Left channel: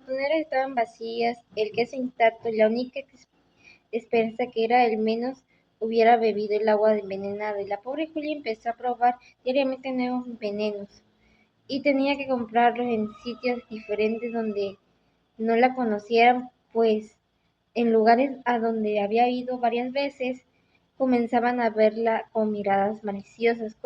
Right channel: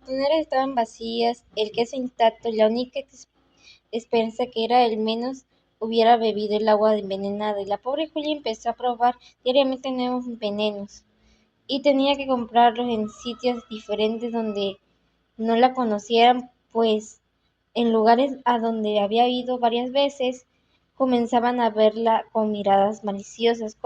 botoneras estaban vacías, el queso intacto, la única esperanza que era el menos hubiera bebido el agua envenenada, y la pobre Julia empezó a probar diariamente nuevos venenos, y tenía que comprarlos en sitios diferentes donde no la conocieran, pues en lugares a donde había ido varias veces, comenzaban a verla con miradas maliciosas.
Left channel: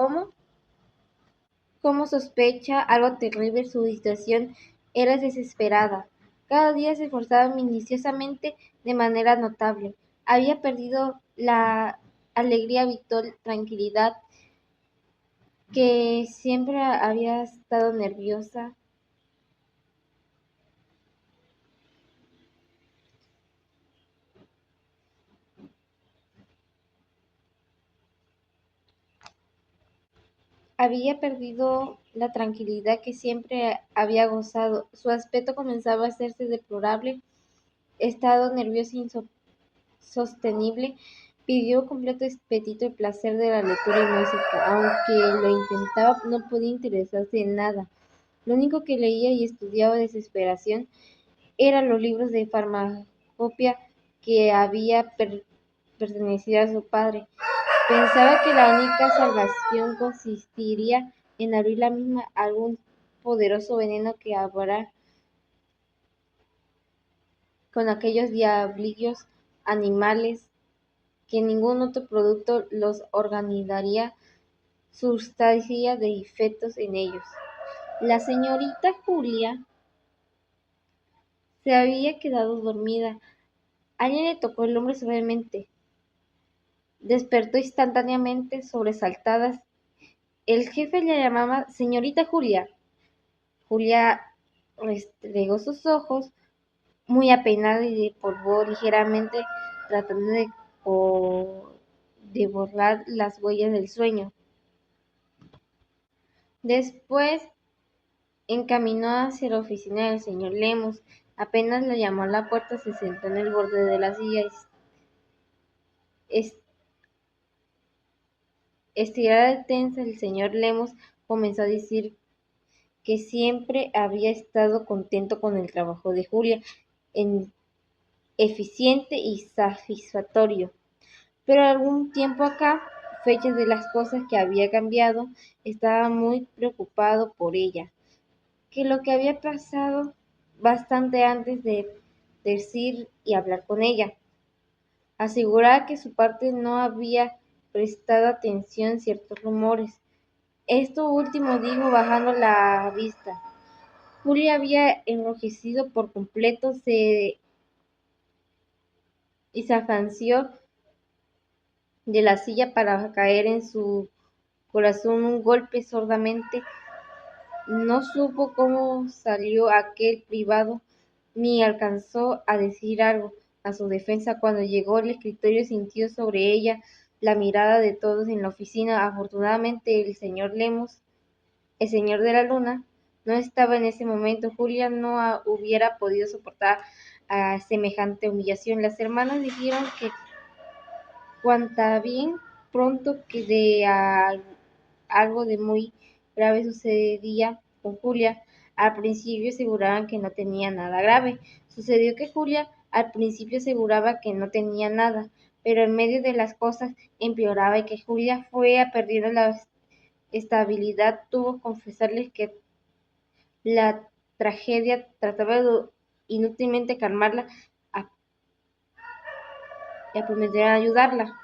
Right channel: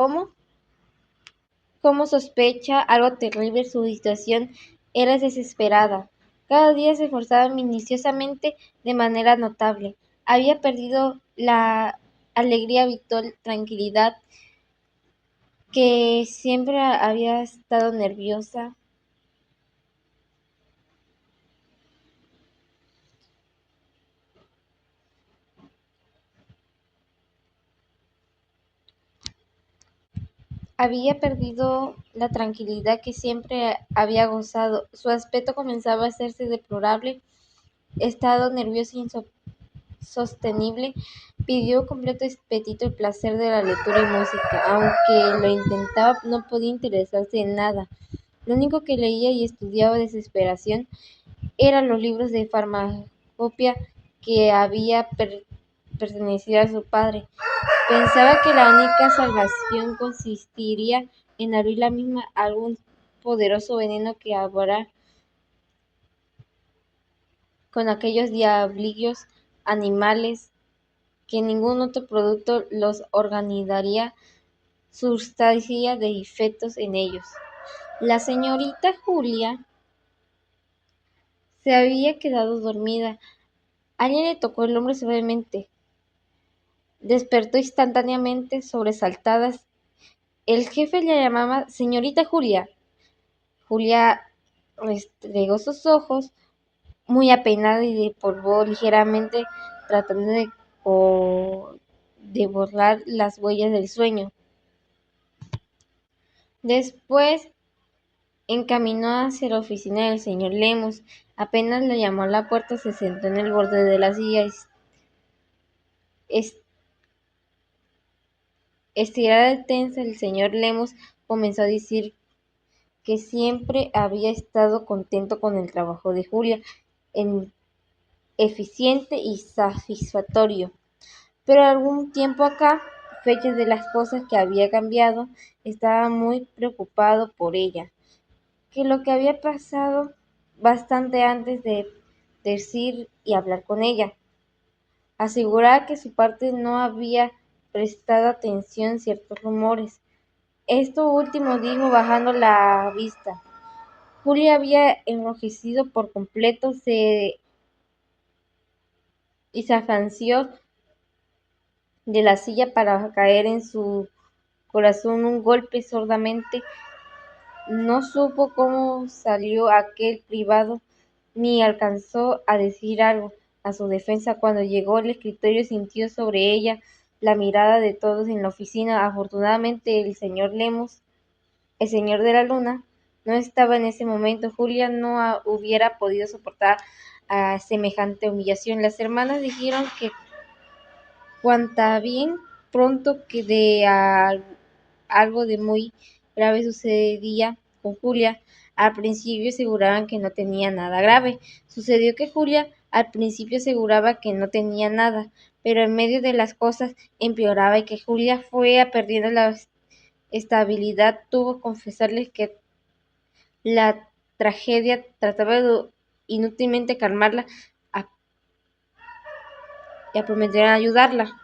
Como sospecha algo terrible, su situación era desesperada. Cada día se esforzaba minuciosamente de manera notable. Había perdido la alegría habitual, tranquilidad, que siempre había estado nerviosa. Había perdido la tranquilidad que siempre había gozado. Su aspecto comenzaba a hacerse deplorable. Estado nervioso insostenible, pidió completo apetito el placer de la lectura y música. Aunque lo intentaba, no podía interesarse en nada. Lo único que leía y estudiaba de desesperación eran los libros de farmacopea que había pertenecido a su padre. Pensaba que la única salvación consistiría en abrir la misma algún poderoso veneno que acabará con aquellos diablillos animales, que ningún otro producto los organizaría sustancia de efectos en ellos. La señorita Julia se había quedado dormida. Alguien le tocó el hombro suavemente. Despertó instantáneamente, sobresaltada. El jefe la llamaba señorita Julia. Julia restregó sus ojos, muy apenada, y despolvó ligeramente, tratando de borrar las huellas del sueño. Después encaminó hacia la oficina del señor Lemos. Apenas le llamó a la puerta, se sentó en el borde de la silla. Es- Estirada y tensa, el señor Lemos comenzó a decir que siempre había estado contento con el trabajo de Julia, en eficiente y satisfactorio. Pero algún tiempo acá, fechas de las cosas que había cambiado, estaba muy preocupado por ella, que lo que había pasado bastante antes de decir y hablar con ella. Aseguraba que su parte no había prestado atención a ciertos rumores. Esto último dijo bajando la vista. Julia había enrojecido por completo y se afanció de la silla para caer en su corazón un golpe sordamente. No supo cómo salió aquel privado, ni alcanzó a decir algo a su defensa. Cuando llegó al escritorio, sintió sobre ella la mirada de todos en la oficina. Afortunadamente, el señor Lemos, el señor de la luna, no estaba en ese momento. Julia no hubiera podido soportar a semejante humillación. Las hermanas dijeron que cuanta bien pronto que algo de muy grave sucedía con Julia. Al principio aseguraban que no tenía nada grave. Sucedió que Julia al principio aseguraba que no tenía nada, pero en medio de las cosas empeoraba, y que Julia fue perdiendo la estabilidad. Tuvo que confesarles que la tragedia trataba de inútilmente calmarla, a- y a prometer ayudarla.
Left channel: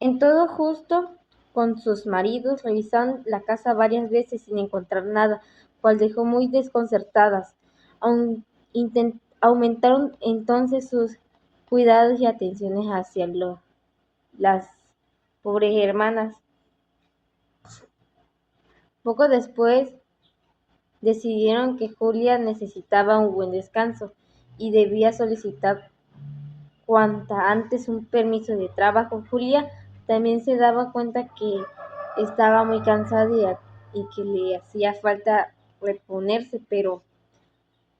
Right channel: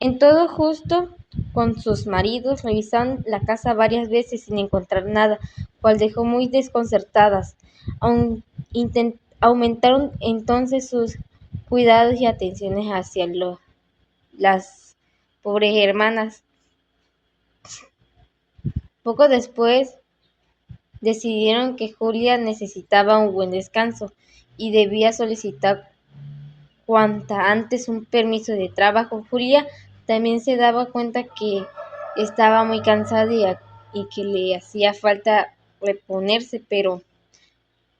En todo justo con sus maridos, revisaron la casa varias veces sin encontrar nada, cual dejó muy desconcertadas. Aumentaron entonces sus cuidados y atenciones hacia las pobres hermanas. Poco después decidieron que Julia necesitaba un buen descanso y debía solicitar cuanta antes un permiso de trabajo. Julia también se daba cuenta que estaba muy cansada y que le hacía falta reponerse, pero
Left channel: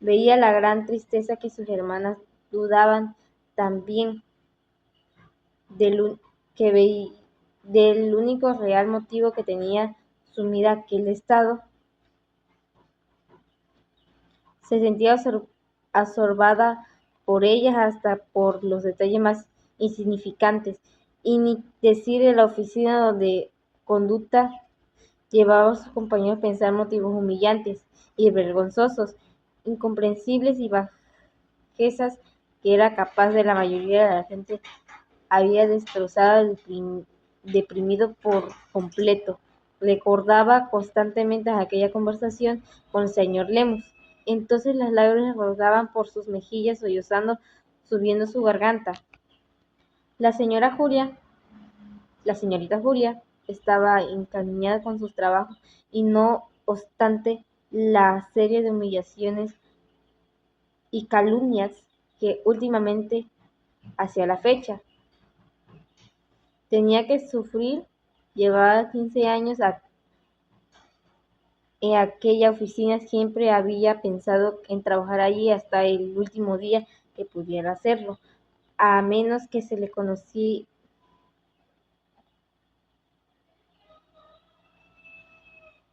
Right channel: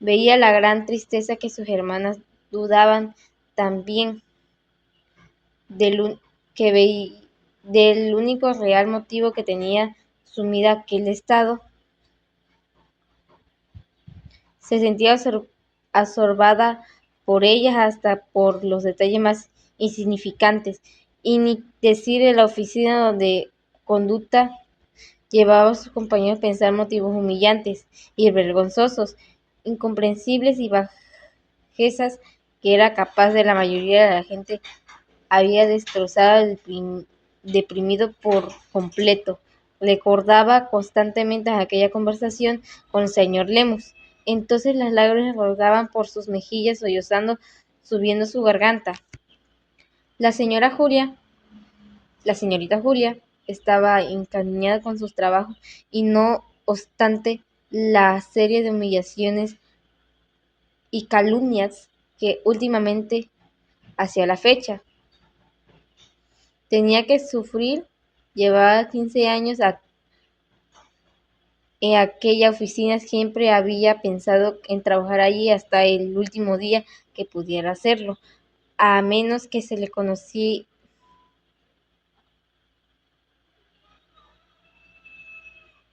veía la gran tristeza que sus hermanas dudaban también del, que del único real motivo que tenía sumida aquel estado. Se sentía absorbada por ellas hasta por los detalles más insignificantes, y ni decir en la oficina donde conducta llevaba a sus compañeros a pensar motivos humillantes y vergonzosos, incomprensibles y bajezas que era capaz de la mayoría de la gente había destrozado al deprimido por completo. Recordaba constantemente aquella conversación con el señor Lemus. Entonces las lágrimas rodaban por sus mejillas, sollozando, subiendo su garganta. La señora Julia, la señorita Julia, estaba encariñada con sus trabajos y no obstante la serie de humillaciones y calumnias que últimamente, hacia la fecha, tenía que sufrir. Llevaba 15 años en aquella oficina, siempre había pensado en trabajar allí hasta el último día que pudiera hacerlo, a menos que se le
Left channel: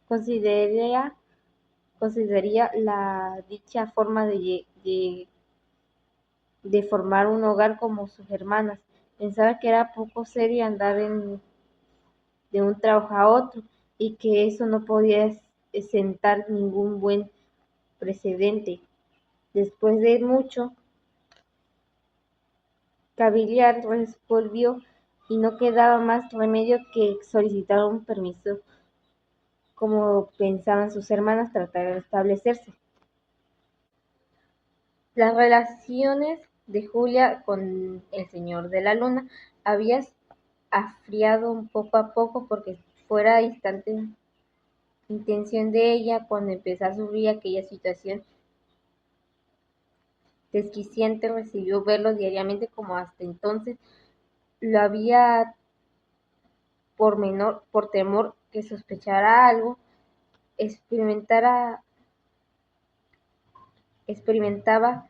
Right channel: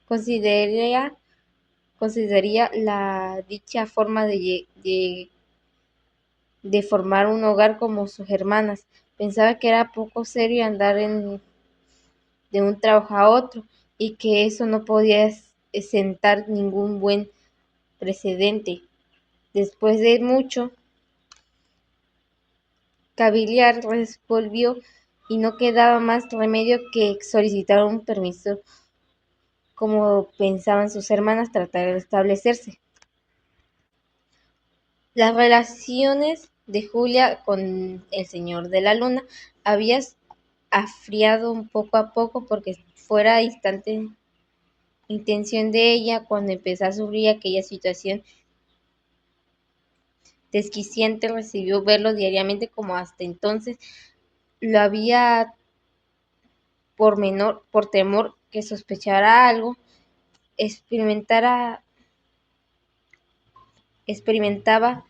consideraría, consideraría la dicha forma de formar un hogar como sus hermanas. Pensaba que era poco serio andar de un trabajo a otro y que eso no podía sentar ningún buen precedente. Después de mucho cavilar, resolvió y no quedaba más remedio que solicitar un permiso, como pensaban sus hermanas, tratar de establecerse. Las relaciones de Julia con el señor de la luna habían afriado poco a poco porque fuera instante intención de ella cuando empezó a sufrir aquella situación desquiciante, recibió verlo diariamente como hasta entonces lo había por temor que sospechara algo, experimentara experimentaba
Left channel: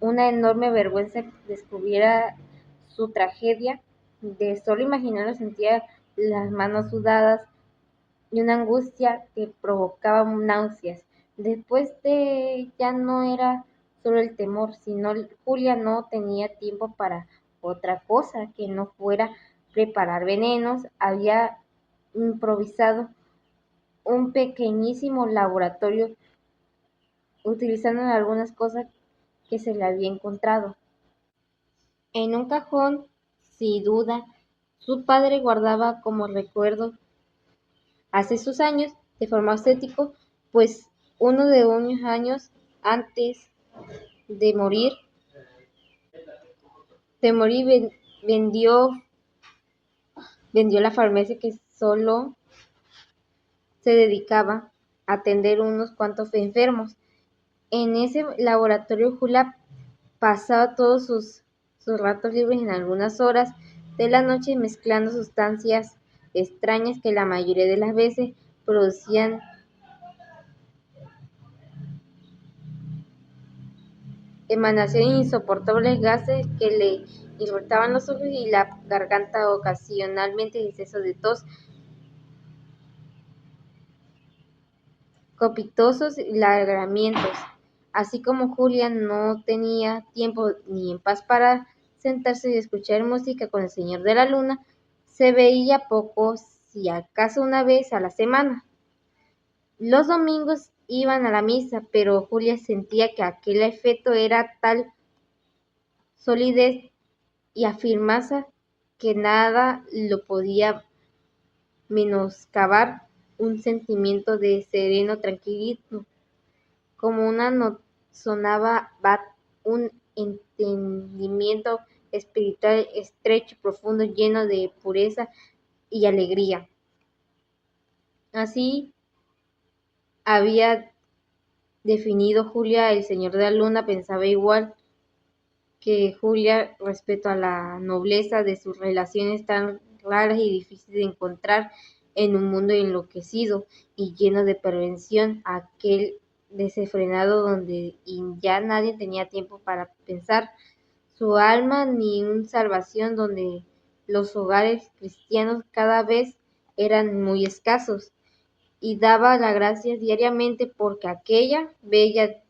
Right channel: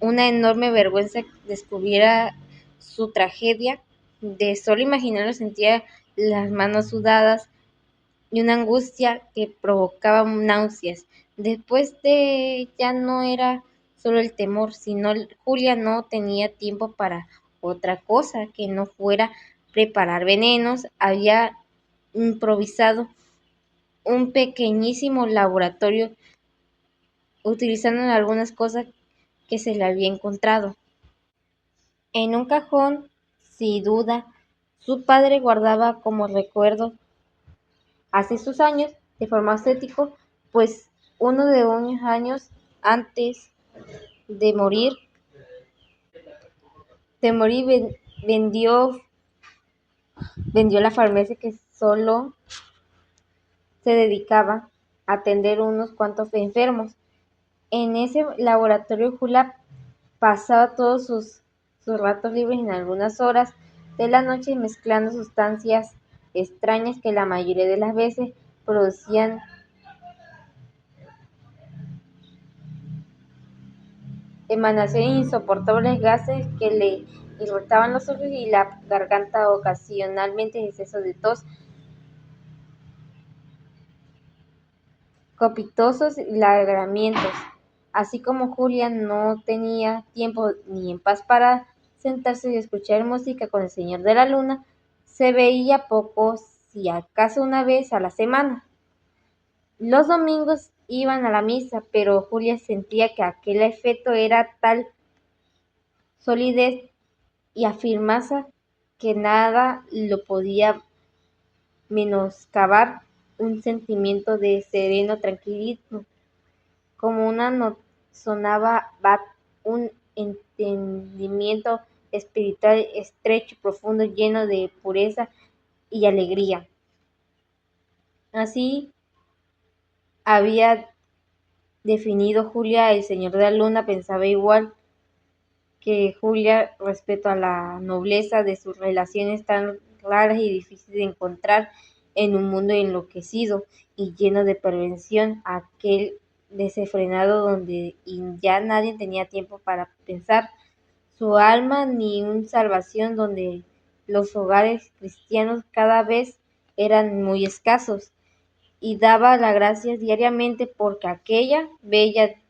una enorme vergüenza que descubriera su tragedia. De solo imaginarlo sentía las manos sudadas y una angustia que provocaba náuseas. Después de ya no era solo el temor, sino Julia no tenía tiempo para otra cosa que no fuera preparar venenos. Había improvisado un pequeñísimo laboratorio utilizando algunas cosas que se le había encontrado. En un cajón, sin duda, su padre guardaba como recuerdo hace sus años, de forma estético, pues uno de unos años antes de morir, vendió, vendió la farmacia que solo se dedicaba a atender unos cuantos enfermos. En ese laboratorio Julia pasaba todos sus ratos libres en algunas horas de la noche mezclando sustancias extrañas que la mayoría de las veces producían emanaciones insoportables, gases que le irritaban los ojos y la garganta, ocasionalmente exceso de tos, copitosos lagramientos. Así como Julia no tenía tiempo ni en paz para sentarse y escuchar música con el señor de la luna, se veía poco, si acaso una vez a la semana. Los domingos iban a la misa, pero Julia sentía que aquel efecto era tal solidez y afirmasa que nada lo podía menoscabar un sentimiento de sereno tranquilismo, como una no sonaba bat, un entendimiento espiritual estrecho, profundo, lleno de pureza y alegría. Así había definido Julia el señor de la luna, pensaba igual que Julia respecto a la nobleza de sus relaciones tan raras y difíciles de encontrar en un mundo enloquecido y lleno de perversión, aquel desenfrenado donde ya nadie tenía tiempo para pensar su alma ni una salvación, donde los hogares cristianos cada vez eran muy escasos, y daba las gracias diariamente porque aquella bella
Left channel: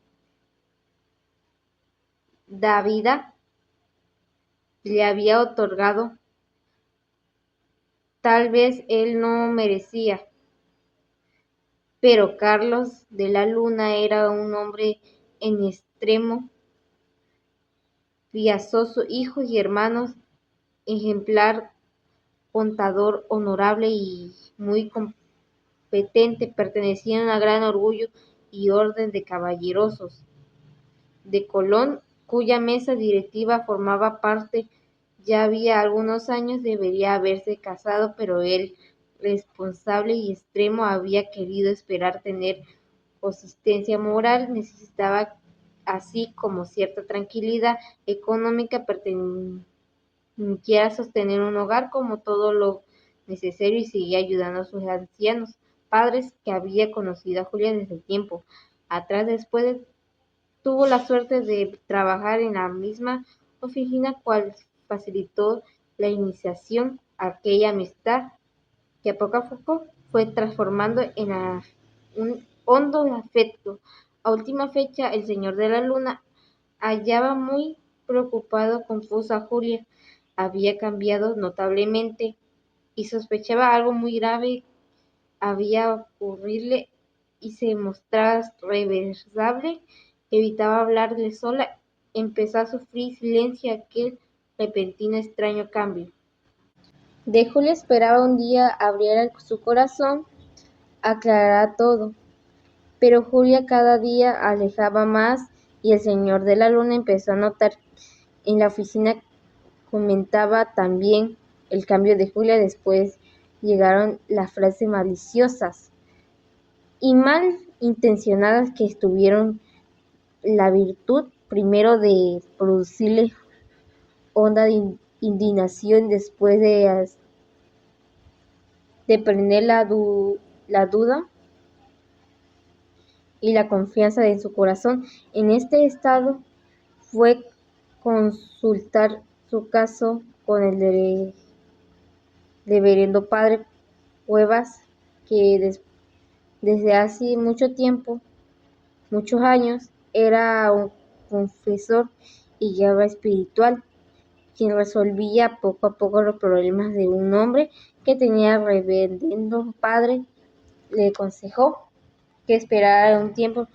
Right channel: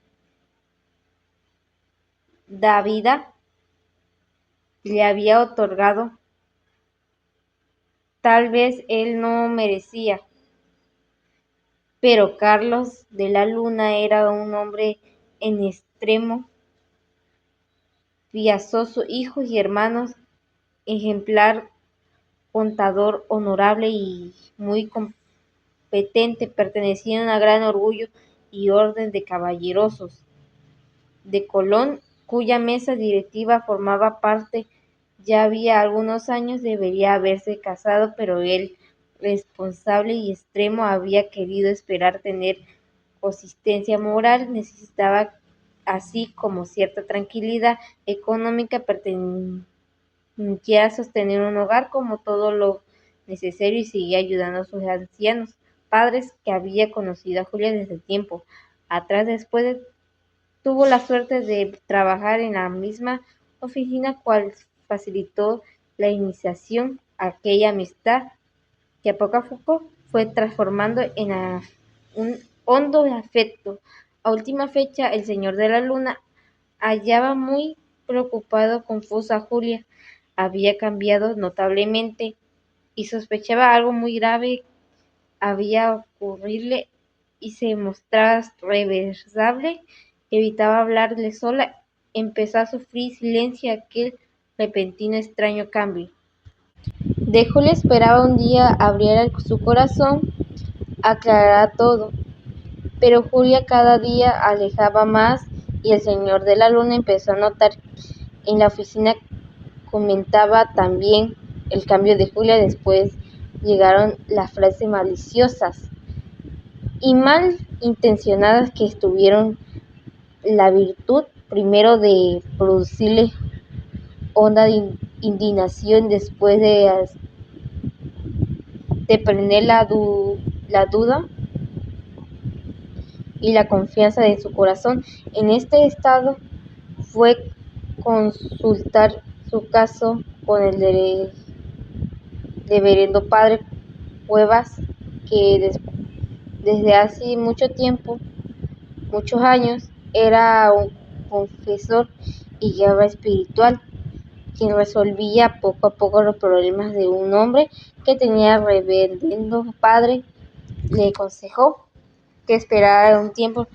Dávila le había otorgado. Tal vez él no merecía, pero Carlos de la Luna era un hombre en extremo piadoso, hijos y hermanos, ejemplar, contador, honorable y muy competente, pertenecía a un gran orgullo y orden de caballerosos de Colón, cuya mesa directiva formaba parte. Ya había algunos años debería haberse casado, pero él, responsable y extremo, había querido esperar tener consistencia moral, necesitaba así como cierta tranquilidad económica, permitía sostener un hogar como todo lo necesario y seguía ayudando a sus ancianos padres que había conocido a Julia desde tiempo atrás. Después tuvo la suerte de trabajar en la misma oficina, cual facilitó la iniciación a aquella amistad que a poco fue transformando en un hondo afecto. A última fecha, el señor de la Luna hallaba muy preocupado, confusa a Julia. Había cambiado notablemente y sospechaba algo muy grave había ocurrirle y se mostraba reversable, evitaba hablarle sola, empezó a sufrir silencio aquel repentino extraño cambio. De Julia esperaba un día abriera su corazón, aclarara todo, pero Julia cada día alejaba más y el señor de la Luna empezó a notar en la oficina. Comentaba también el cambio de Julia. Después llegaron las frases maliciosas y mal intencionadas que tuvieron la virtud primero de producirle honda indignación, después de prender la duda y la confianza de su corazón. En este estado fue consultar su caso con el reverendo padre Cuevas, que desde hace mucho tiempo, muchos años, era un confesor y guía espiritual, quien resolvía poco a poco los problemas de un hombre que tenía. El reverendo padre le aconsejó que esperara un tiempo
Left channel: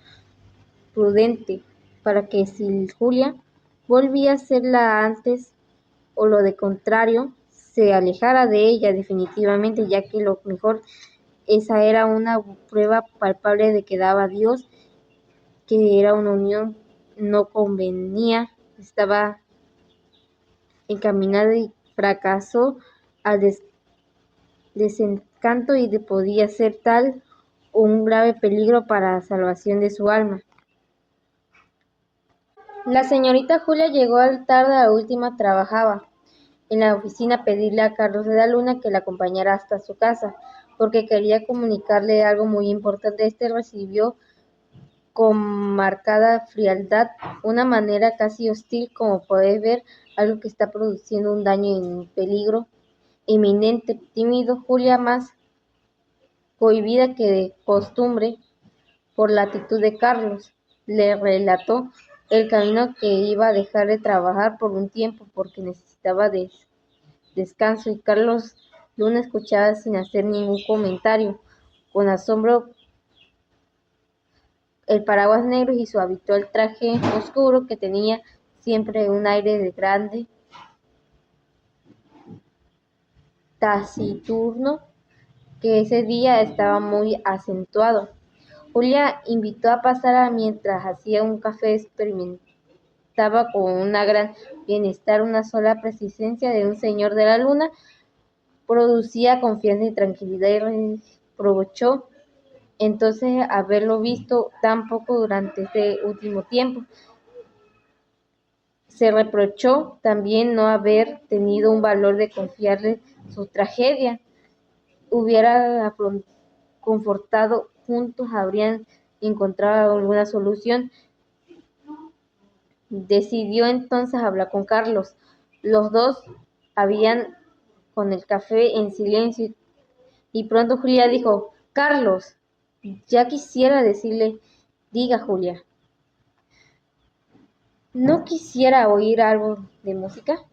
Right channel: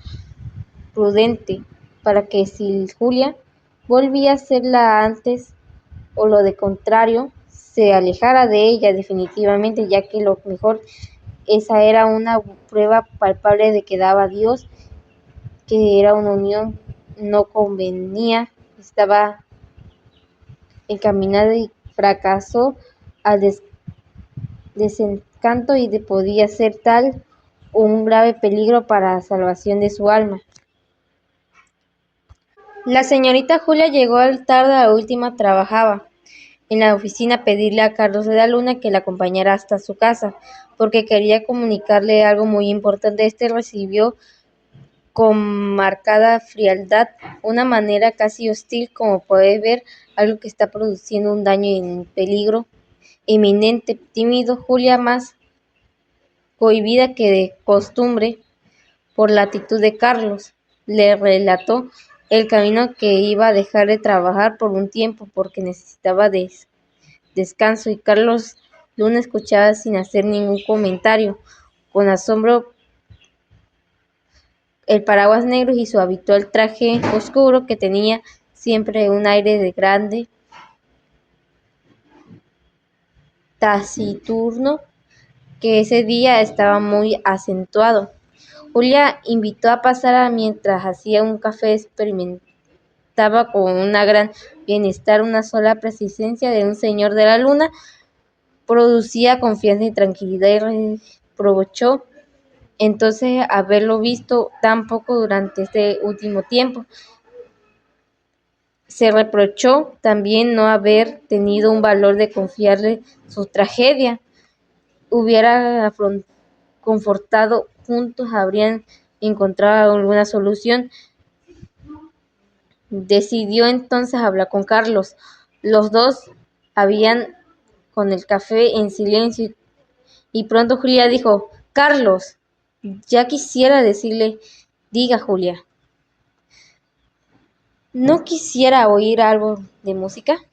prudente para que si Julia volvía a ser la antes o lo de contrario, se alejara de ella definitivamente, ya que lo mejor esa era una prueba palpable de que daba Dios, que era una unión no convenía, estaba encaminada y fracasó al desencanto y podía ser tal un grave peligro para la salvación de su alma. La señorita Julia llegó tarde a la última. Trabajaba en la oficina a pedirle a Carlos de la Luna que la acompañara hasta su casa, porque quería comunicarle algo muy importante. Este recibió con marcada frialdad, una manera casi hostil, como puede ver, algo que está produciendo un daño en peligro inminente. Tímido, Julia, más cohibida que de costumbre por la actitud de Carlos, le relató el camino que iba a dejar de trabajar por un tiempo porque necesitaba descanso, y Carlos Luna escuchaba sin hacer ningún comentario, con asombro. El paraguas negro y su habitual traje oscuro, que tenía siempre un aire de grande, taciturno, que ese día estaba muy acentuado. Julia invitó a pasar mientras hacía un café. Experimentaba con una gran bienestar una sola presencia de un señor de la Luna. Producía confianza y tranquilidad, y reprochó entonces haberlo visto tan poco durante este último tiempo. Se reprochó también no haber tenido un valor de confiarle su tragedia. Hubiera confortado juntos, habrían encontrado alguna solución. Decidió entonces hablar con Carlos. Los dos habían con el café en silencio, y pronto Julia dijo: Carlos, ya quisiera decirle. Diga, Julia. ¿No quisiera oír algo de música?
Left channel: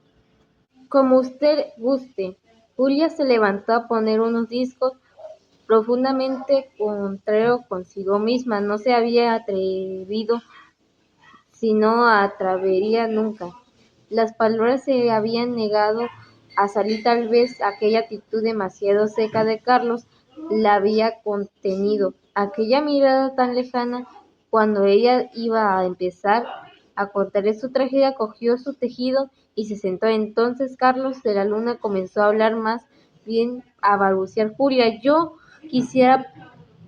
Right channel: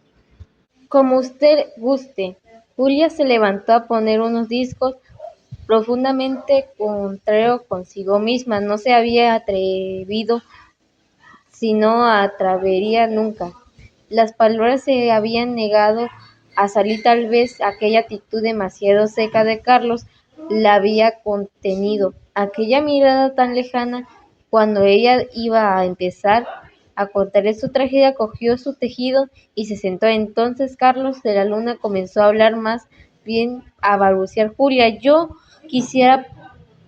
Como usted guste. Julia se levantó a poner unos discos. Profundamente contrario consigo misma, no se había atrevido, si no atrevería nunca. Las palabras se habían negado a salir, tal vez aquella actitud demasiado seca de Carlos la había contenido. Aquella mirada tan lejana, cuando ella iba a empezar a contarle su tragedia, cogió su tejido y se sentó. Entonces Carlos de la Luna comenzó a hablar, más bien a balbucear. Julia, yo quisiera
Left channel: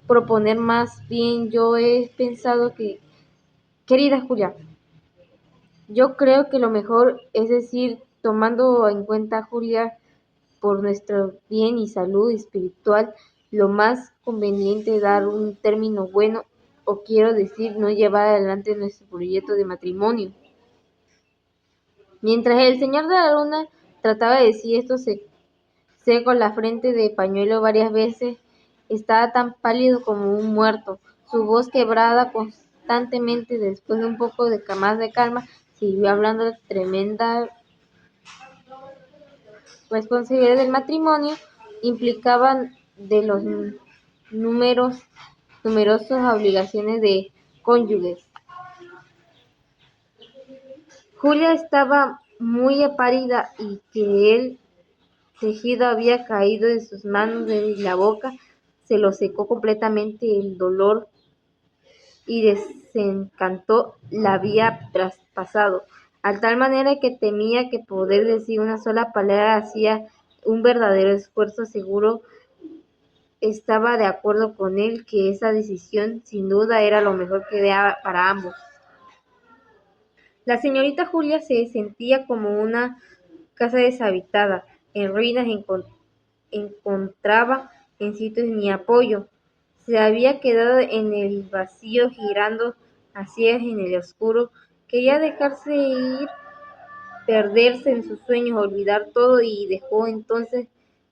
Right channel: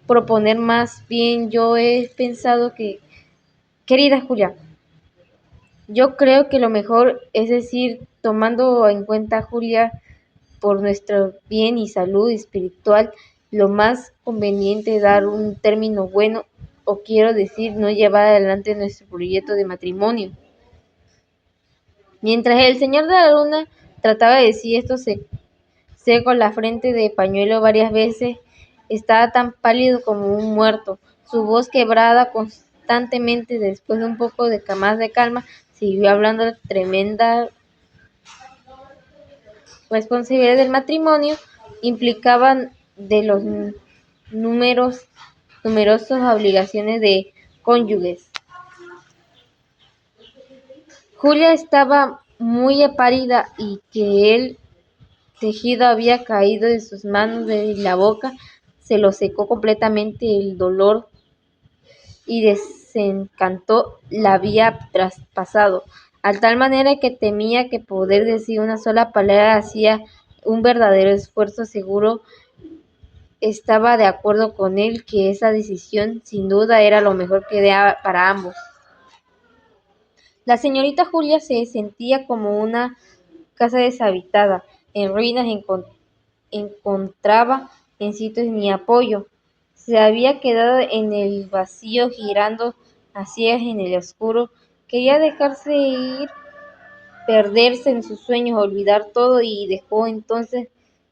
proponer, más bien yo he pensado que, querida Julia, yo creo que lo mejor, es decir, tomando en cuenta, Julia, por nuestro bien y salud espiritual, lo más conveniente dar un término bueno, o quiero decir, no llevar adelante nuestro proyecto de matrimonio. Mientras el señor de la Luna trataba de decir esto, se secó la frente de pañuelo varias veces, estaba tan pálido como un muerto. Su voz, quebrada constantemente, después de un poco de más de calma, siguió hablando. La tremenda responsabilidad del matrimonio implicaban de los numerosas obligaciones de cónyuges. Julia estaba muy pálida y que el tejido había caído de sus manos y la boca se lo secó completamente. El dolor y desencanto la había traspasado, a tal manera que temía que poder decir una sola palabra. Hacía un verdadero esfuerzo. Seguro estaba de acuerdo con él que esa decisión sin duda era lo mejor que para ambos. La señorita Julia se sentía como una casa deshabitada, en ruinas. Encontraba en sitios ni apoyo. Se había quedado en el vacío, girando a ciegas en el oscuro. Quería dejarse ir, perderse en sus sueños, olvidar todo, y dejó entonces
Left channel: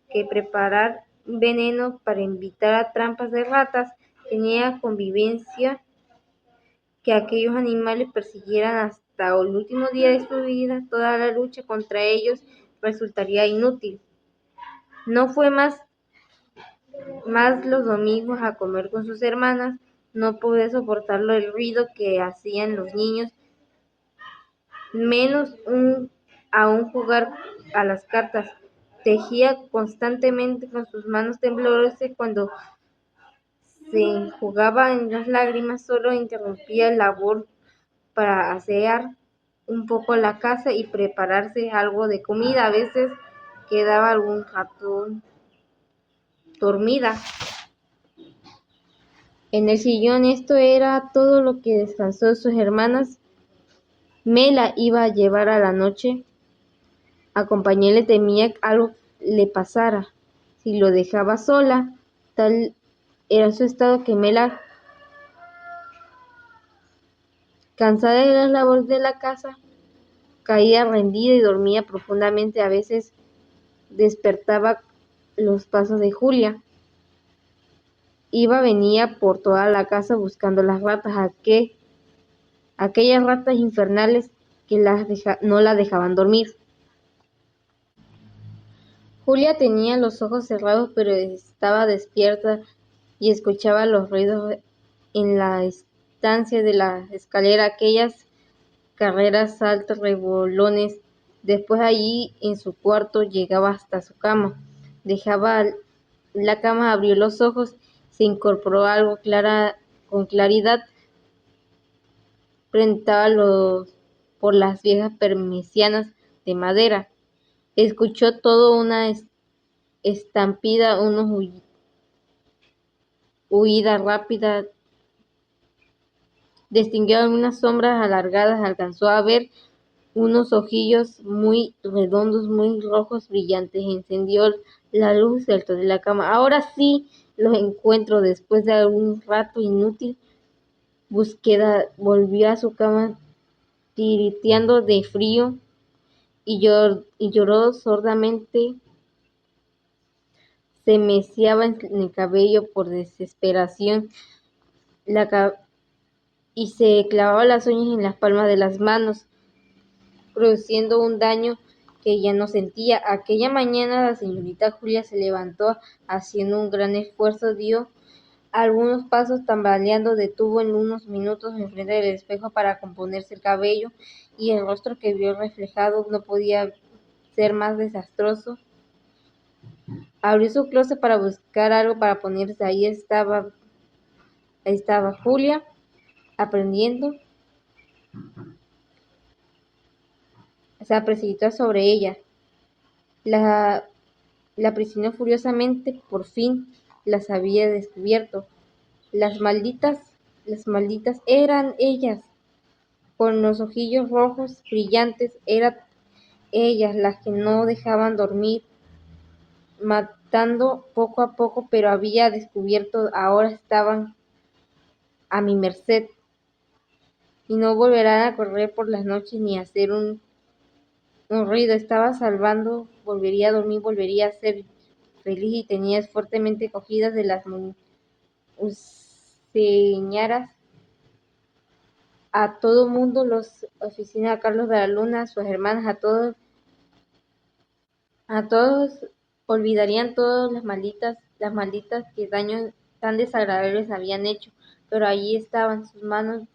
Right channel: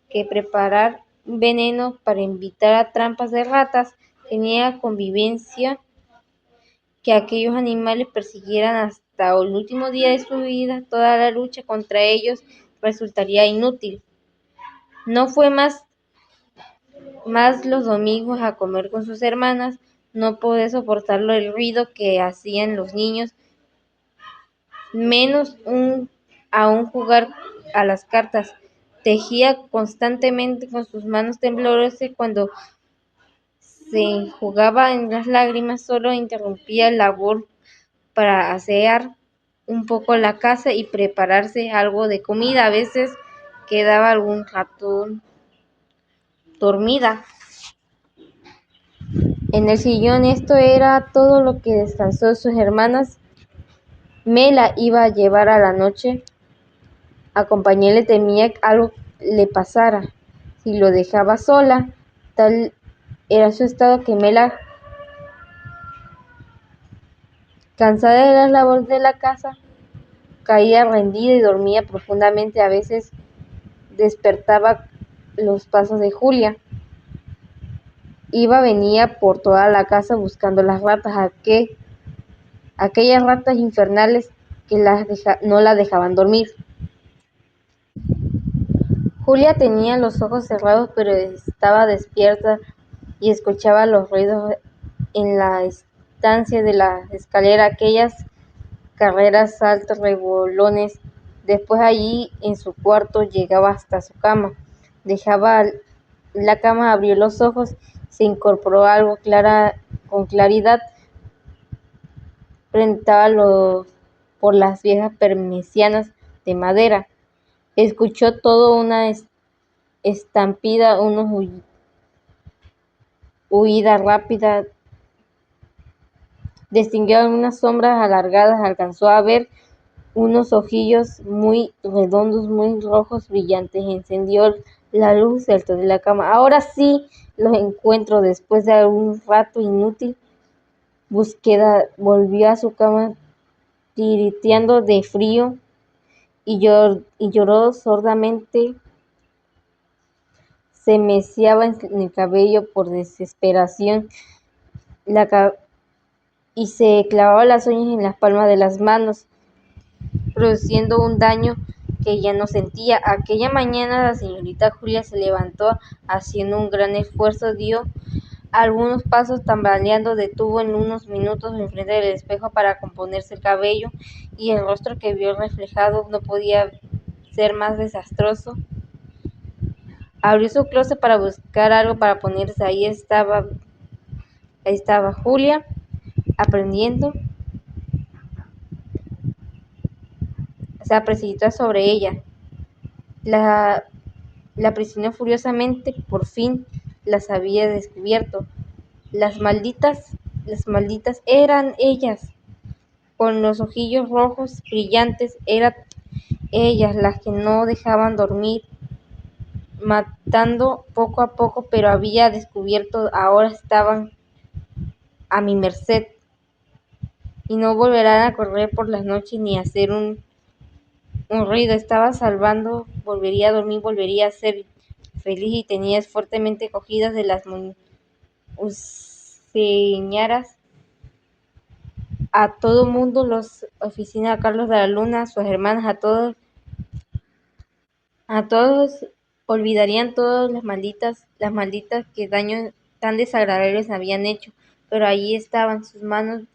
que preparar veneno para invitar a trampas de ratas. Tenía convivencia que aquellos animales persiguieran hasta el último día de su vida. Toda la lucha contra ellos resultaría inútil. No fue más los domingos a comer con sus hermanas. No podía soportarlo el ruido que hacían los niños, menos aún jugar a las cartas. Tejía constantemente con sus manos temblorosas. Cuando se jugaba en las lágrimas, solo interrumpía la labor para asear un poco la casa y prepararse algo de comida. A veces quedaba algún ratón dormida en el sillón. Esto era todo lo que descansó sus hermanas. Me la iba a llevar a la noche. Acompañarle, temía que algo le pasara si lo dejaba sola. Tal era su estado que Mela, cansada de las labores de la casa, caía rendida y dormía profundamente. A veces despertaba los pasos de Julia. Venía por toda la casa buscando las ratas, aquellas ratas infernales que no la dejaban dormir. Julia tenía los ojos cerrados, pero estaba despierta y escuchaba los ruidos en la estancia de la escalera, aquellas carreras, saltos, revolones. Después, allí en su cuarto, llegaba hasta su cama. Dejaba la cama, abrió los ojos, se incorporó algo con claridad. Preguntaba por las viejas persianas de madera. Escuchó todo, una estampida, una huida rápida. Distinguió algunas sombras alargadas. Alcanzó a ver unos ojillos muy redondos, muy rojos, brillantes. Encendió la luz, saltó de la cama. Ahora sí los encuentro. Después de un rato inútil búsqueda, volvió a su cama tiriteando de frío y lloró sordamente. Se meciaba en el cabello por desesperación y se clavaba las uñas en las palmas de las manos. produciendo un daño que ella no sentía. Aquella mañana la señorita Julia se levantó haciendo un gran esfuerzo, dio algunos pasos tambaleando, detuvo en unos minutos enfrente del espejo para componerse el cabello, y el rostro que vio reflejado no podía ser más desastroso. Abrió su closet para buscar algo para ponerse. Ahí estaba Julia aprendiendo. Se precipitó sobre ella. La, la presionó furiosamente. Por fin las había descubierto. Las malditas eran ellas, con los ojillos rojos brillantes. Eran ellas las que no dejaban dormir, matando poco a poco, pero había descubierto, ahora estaban a mi merced, y no volverán a correr por las noches ni a hacer un ruido. Estaba salvando, volvería a dormir, volvería a ser feliz, y tenía fuertemente cogidas de las señaras a todo mundo, los oficinas, a Carlos de la Luna, a sus hermanas, a todos olvidarían todas las malditas que daños tan desagradables habían hecho, pero allí estaban sus manos,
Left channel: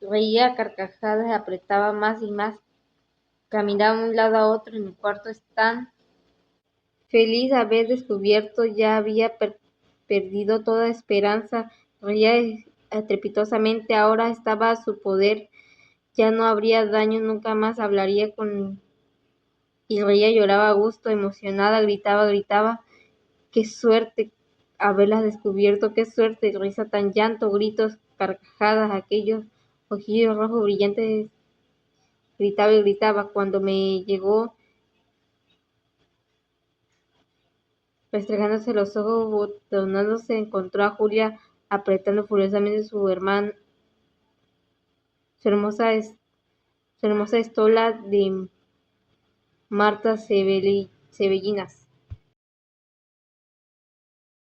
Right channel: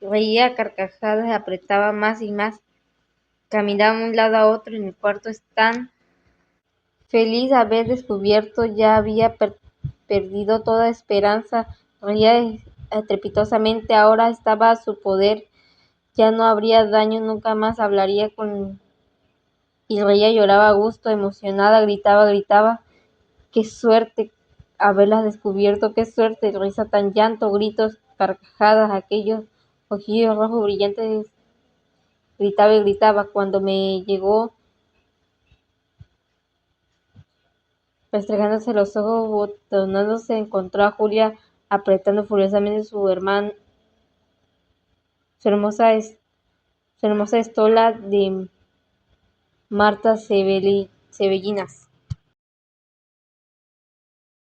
reía a carcajadas, apretaba más y más, caminaba de un lado a otro en el cuarto, tan feliz de haber descubierto, ya había perdido toda esperanza, reía estrepitosamente, ahora estaba a su poder, ya no habría daño, nunca más hablaría con... Y reía, lloraba a gusto, emocionada, gritaba, qué suerte haberlas descubierto, qué suerte, risa, tan llanto, gritos, carcajadas, aquellos ojillos rojos brillantes, gritaba y gritaba. Cuando me llegó, restregándose los ojos, botonándose, encontró a Julia apretando furiosamente su hermosa, su hermosa estola de Marta Sebellinas.